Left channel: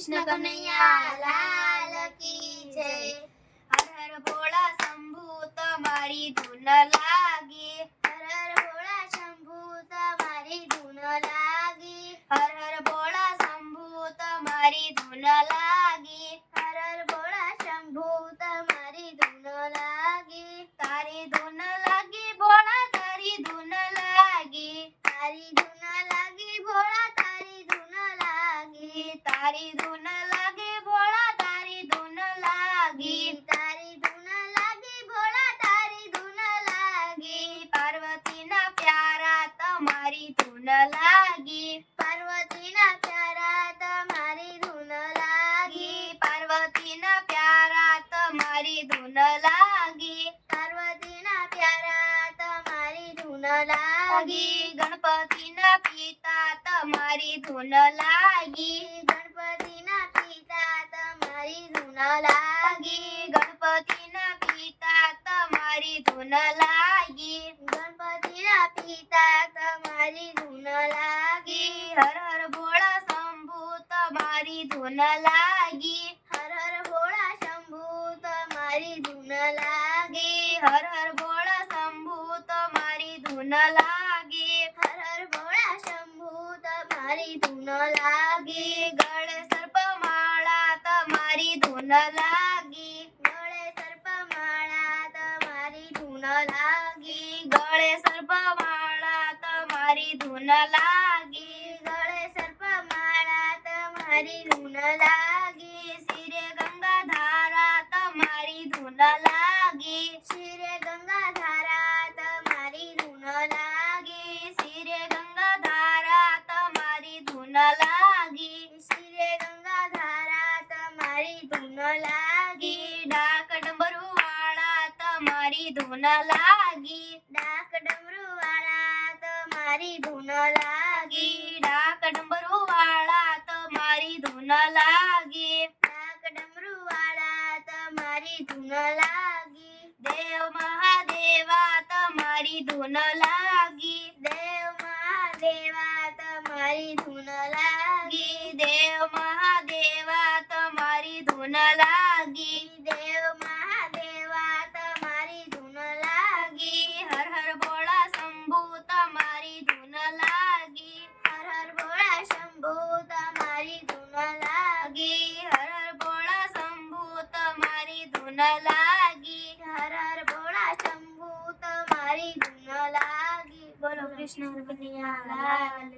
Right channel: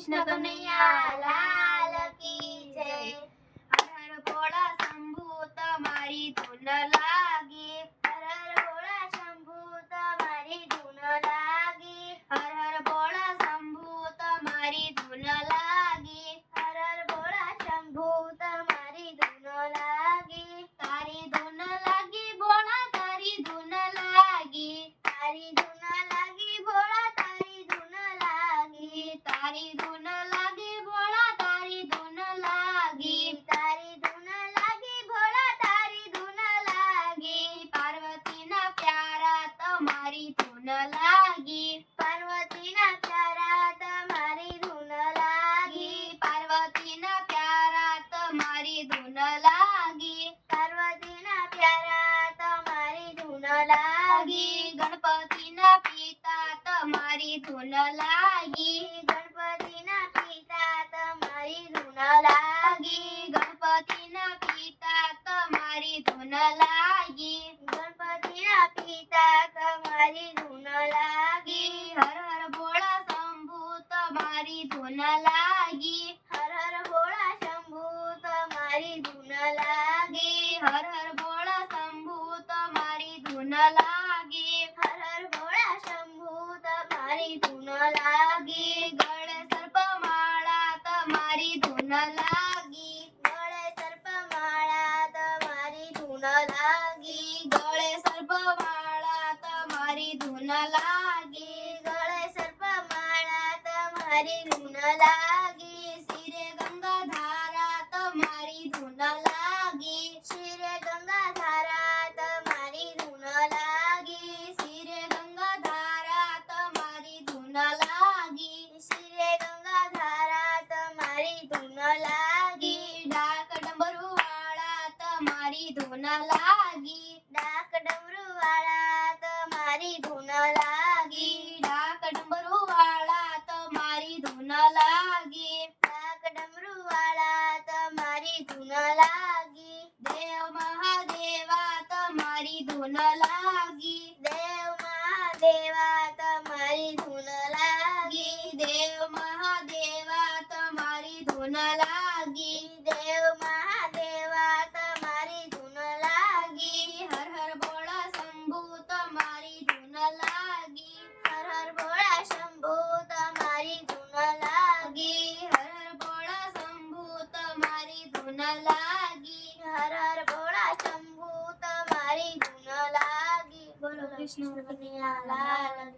કૃષ્ણ કનૈયા લાલ કી જય હર હર ભોળા શંભુ તમારી ધૂન લાગી તારી ધૂન લાગી ભોળા તારી ધૂન લાગી તારી ધૂન લાગી ભોળા તારી ધૂન લાગી પાર્વતીના પ્યારા તમારી ધૂન લાગી પાર્વતીના પ્યારા તમારી ધૂન લાગી પાર્વતીના પ્યારા તમારી ધૂન લાગી પાર્વતીના પ્યારા તમારી ધૂન લાગી, ગણપતિના પિતા તમારી ધૂન લાગી, ગણપતિના પિતા તમારી ધૂન લાગી, ગણપતિના પિતા તમારી ધૂન લાગી, ગણપતિના પિતા તમારી ધૂન લાગી, હર ધૂન લાગી હર હર ભોળા શંભુ તમારી ધૂન લાગી ગળે સર્પમાળા તમારી ધૂન લાગી ગળે સર્પમાળા તમારી ધૂન લાગી ગળે સર્પમાળા તમારી ધૂન લાગી ગળે સર્પમાળા તમારી ધૂન લાગી લાગી શિરે ગંગા ધારા તમારી ધૂન લાગી ડાક ડમરુ વાળા તમારી ધૂન લાગી ડાક ડમરુ વાળા તમારી ધૂન લાગી ડાક ડમરુ વાળા તમારી ધૂન લાગી ડાક ડમરુ વાળા તમારી ધૂન લાગી દેવ મહાદેવા તમારી ધૂન લાગી ધૂન લાગી દેવ મહાદેવા, તમારી ધૂન લાગી હર હર ભોળા શંભુ, તમારી ધૂન લાગી હર હર ભોળા શંભુ, તમારી ધૂન લાગી હર હર ભોળા શંભુ, તમારી ધૂન લાગી હર હર ભોળા શંભુ, તમારી ધૂન લાગી બોલો કૃષ્ણ કનૈયા લાલ